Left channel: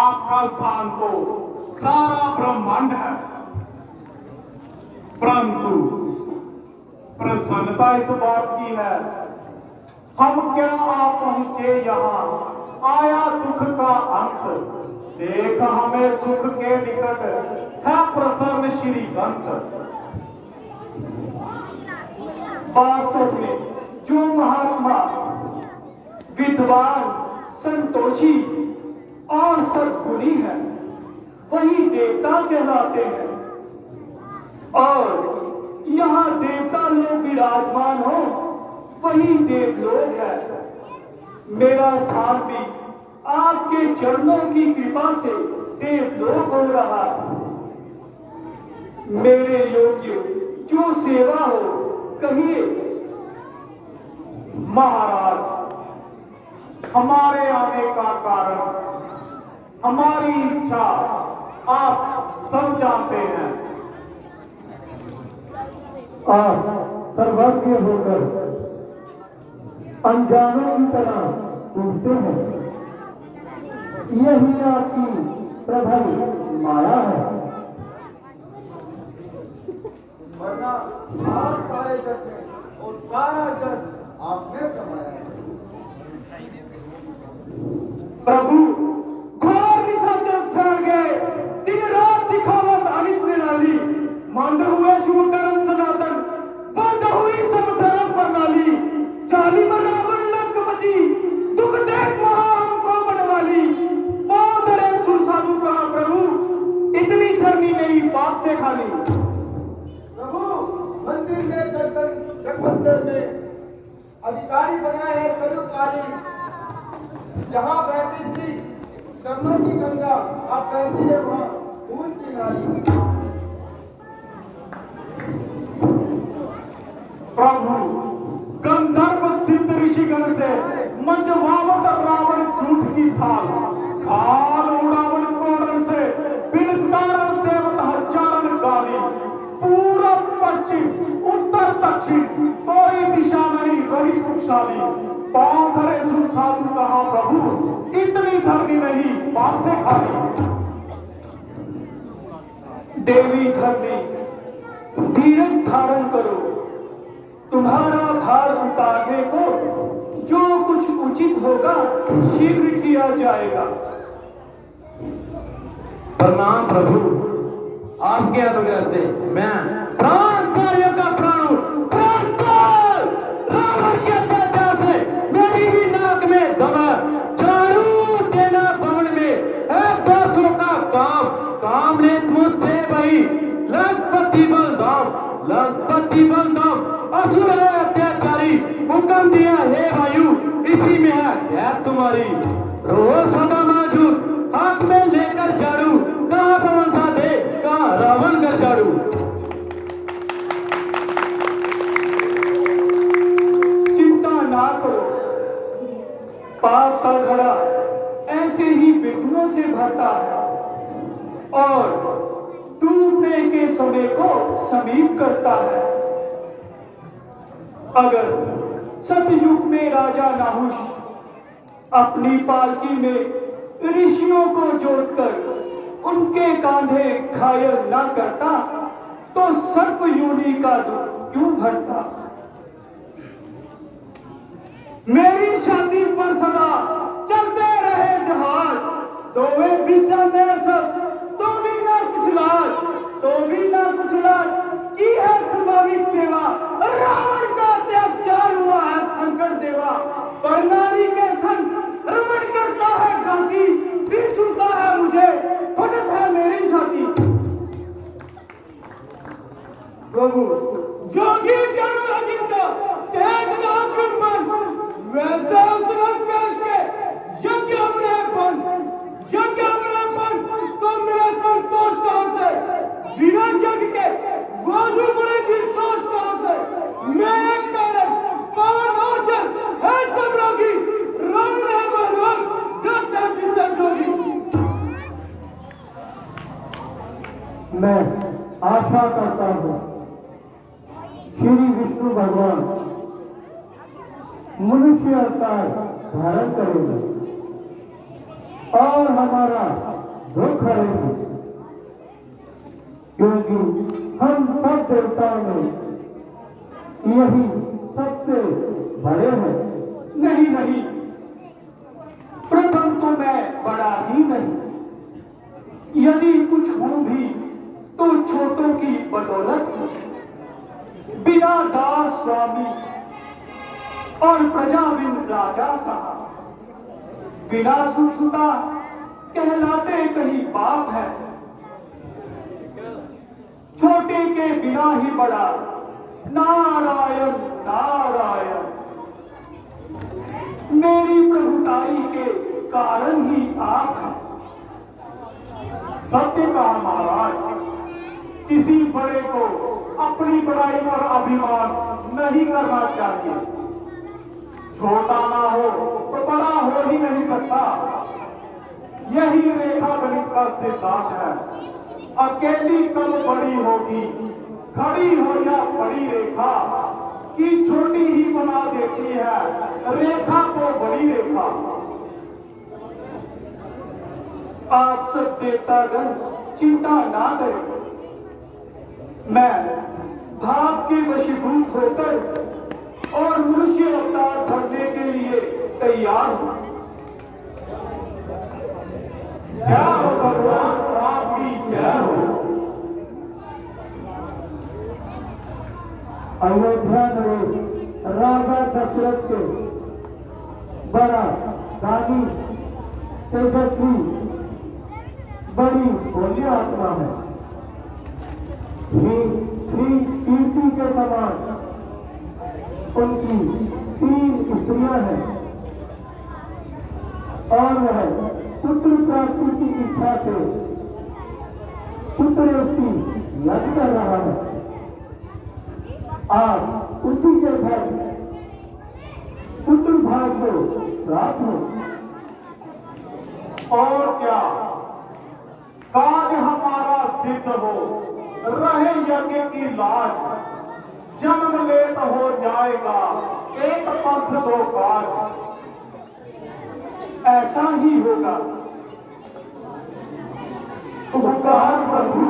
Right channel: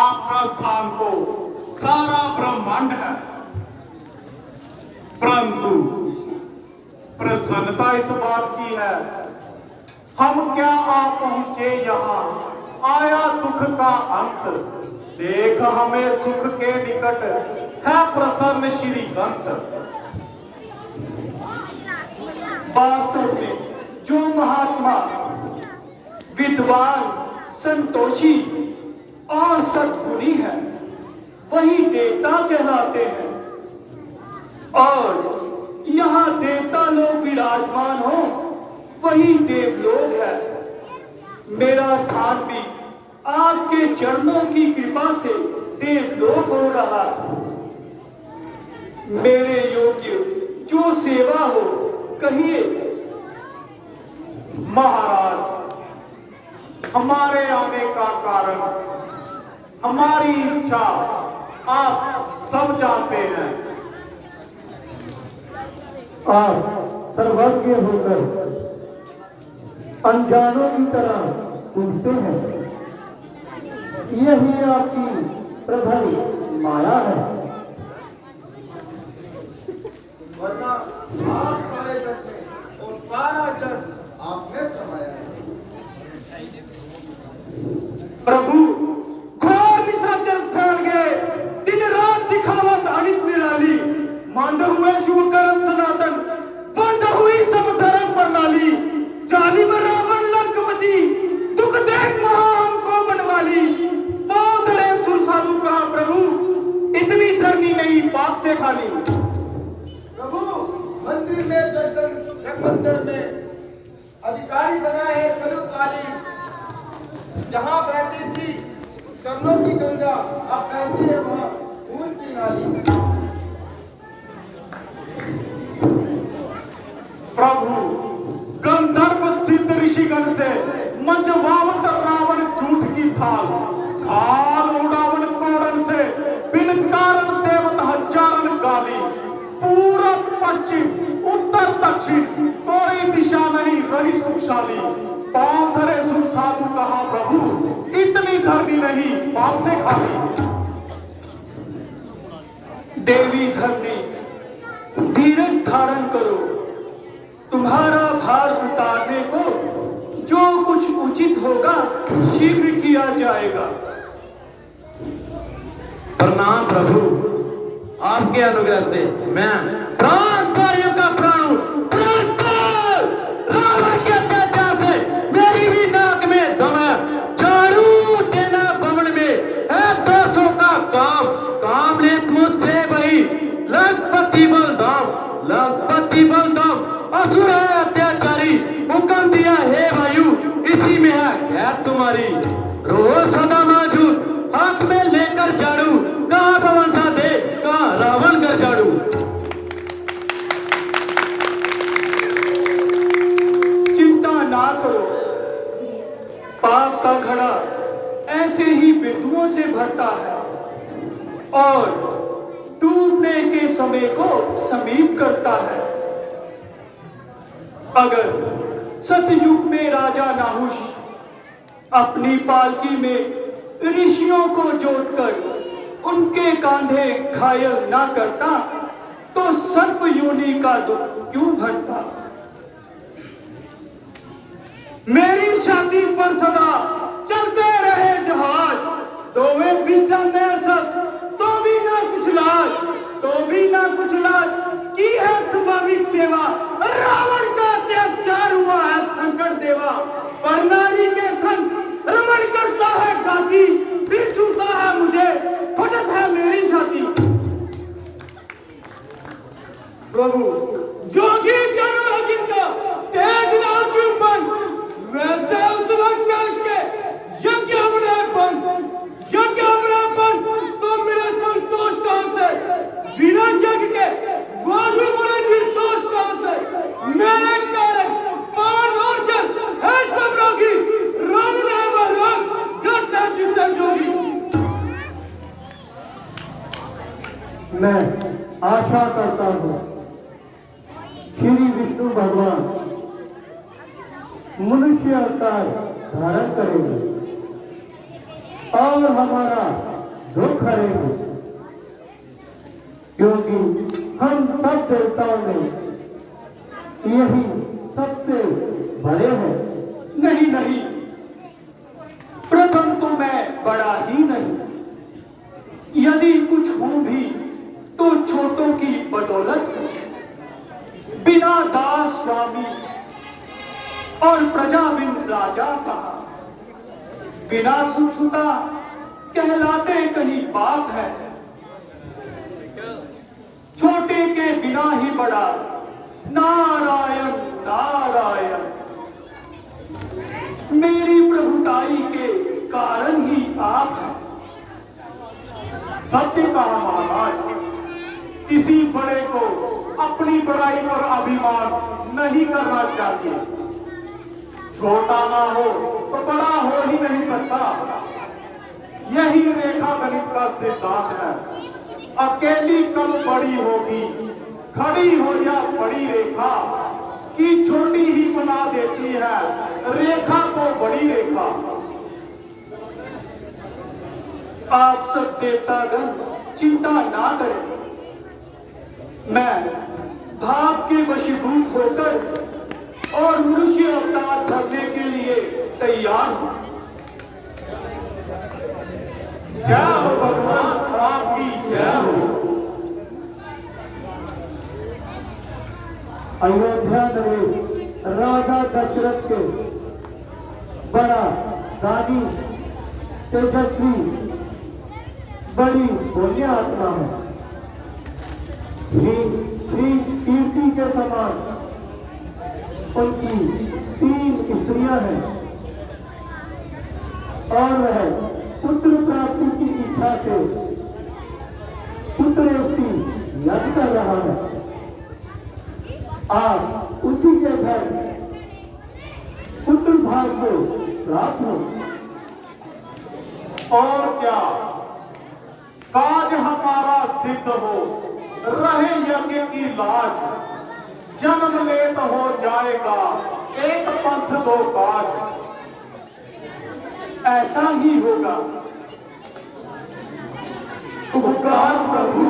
आपका स्थान तो सारा ब्रह्मांड है, परंतु प्रसन्नता इस बात की है, हम क्या आप पहुंचे यहाँ, आया दुख का अंत, देख हमें सुख के निकट है प्रसन्न श्री कंत। वास्तव में जो महात्मा विद्वान संतोषी और सद्गुणी है वही देवता कहलाते हैं, और यहाँ देवता लोग विराजमान हो वही देवलोक है। मेरा स्थान भी आपके चरणों की कृपा से देवलोक हो रहा है। मेरे योग्य जो सेवा हो कहिए। महाराज, हमारे आने का कारण, हमारी इच्छा आप सब जानते हैं, और सर्वज्ञ होकर अनजानों की तरह पूछते हैं, यही आपकी प्रबल माया है। वरना आप सारे जग में और सारा जग आप में समाया है। प्रभु घोर निशाचर फैल गए, दिन रात दिखावत अनित निराली, मांड हुए शुभ कर्म सनातन, बंद हुई सब धर्म प्रणाली, जालिम रावण लंकापति, दुख देख महा हमको बनवाली, पांव धरे सुर साधु कहा प्रभु, इतनी धरनी नहीं पाप से खाली। प्रभु मंदिर में जग मंदिर में अधिकारी बनाए हैं कलु काली, जहाँ बहती थी चरणों की गंगा, आप कहती है वहाँ फूल की नाली। प्रभु गंधर्व सिद्ध ऋषिगण से मंचवावत रावण झूठ की थाल, खाल उड़ावन कोड़न से बिन कारण देवत हजारन गाली, पूरब पश्चिम उत्तर दक्षिण कोई दिशा नहीं रही सुखशाली, पांव धरे सुर साधु कहा प्रभु, इतनी धरनी नहीं पाप से खाली। देवी धरनी धीरज धारण करो, तुम्हारा भार उतारने को जो कुछ उचित होगा शीघ्र किया जाएगा। प्रणाम प्रभु, आपके अनुग्रह से मैं प्राण कार्यों का प्राण हूं। रावण के अत्याचार से मेरी भी नाक में दम है, झाड़ू देना भवन में है दासों का काम, काम ने मुझसे वही लंकापति बलदाम असुर है अत्याचारी, हुक्म दिया हे वायु इसी में है खैर तुम्हारी, रोज सदा मौजूद हाथ में लेकर झाड़ू, कहाँ पवन सा दे कहाँ रावण कर झाड़ू। चिंता ना करो, पाप का घड़ा ऐसे ही बिंदुओं से भरता है और डूबने के समय को समीप करता है। अगर सतयुग में राजा नाहुष अपनी पालकी में ऋषियों को जोतकर उनके कांधे घायल ना करता तो सर्प योनि का दुख क्यों भरता। मेरी छाती पर सदा चलते रहे जहाज, दोवे बिस्तर में सब तो भी ना कुछ लाज की है संभाविक सेवा, रावण का अत्याचार हुआ है संकट देवा, पर नारी के संग रमण करता है गाती, फिर छूता है मुझे फटत है मेरी छाती। प्रभु जोगी जन है जिनका तेज ना मन, वैसे उस लंकेश के यज्ञ में बन तो मिले संतोष कहां से, बिना जग के वायु बड़े निर्दोष कहां से, मैं कारण पवन और जल है सब रोगी, रावण है वह रोग डरता जिससे जोगी। मैं आशा करता हूँ श्री विष्णु भगवान मनुष्य अवतार धारण करेगा और हमारा करेंगे, क्योंकि हम सब देवताओं में यही सबसे बड़े हैं। नहीं नहीं, प्रथम तो मैं बड़ा ही नहीं, यदि कुछ हूं भी तो छोटों की बदौलत हूं। बिना दास स्वामी और प्रजा बिन राजा का, बिना सुखसुता कहलाते कहीं बाप है। छोटे के बिना ही बड़ा नारायण नारायण, मेरी प्रभुताई के कारण ही आप हैं। सत्य कहा महाराज, किसी बड़े को अपनी बड़ाई पर अभिमान नहीं करना चाहिए। छोटा ना हो तो बड़ा हो ही नहीं सकता, यही रेखा गणित का सिद्धांत है। अकेली कब बड़ी होगी, खड़ी हो या बड़ी रेखा, की छोटी ही बना देती है रेखा को बड़ी रेखा। आप सब देवतागण चिंता ना करें, मैं भाव के वशीभूत होकर और मनुष्य अवतार धरने के लिए तैयार हूं। जय हो भगवान, आपकी जय हो। अयोध्या में राजा दशरथ के बड़ा दानी तेजस्वी बड़ी पुण्य आत्मा है। श्री कीर्ति के समान उनकी 3 स्त्रियां हैं और वह पुत्र प्राप्ति की इच्छा से पुत्रेष्टि यज्ञ कर रहा है। आप उसी के घर पुत्र भाग को प्राप्त हो। और क्या काज हमारा सिद्ध हो, रहे यज्ञ की लाज। जन्म ले तो हो जाएगा एक पंथ 2 काज, ऐसा ही होगा। उपकार प्रभु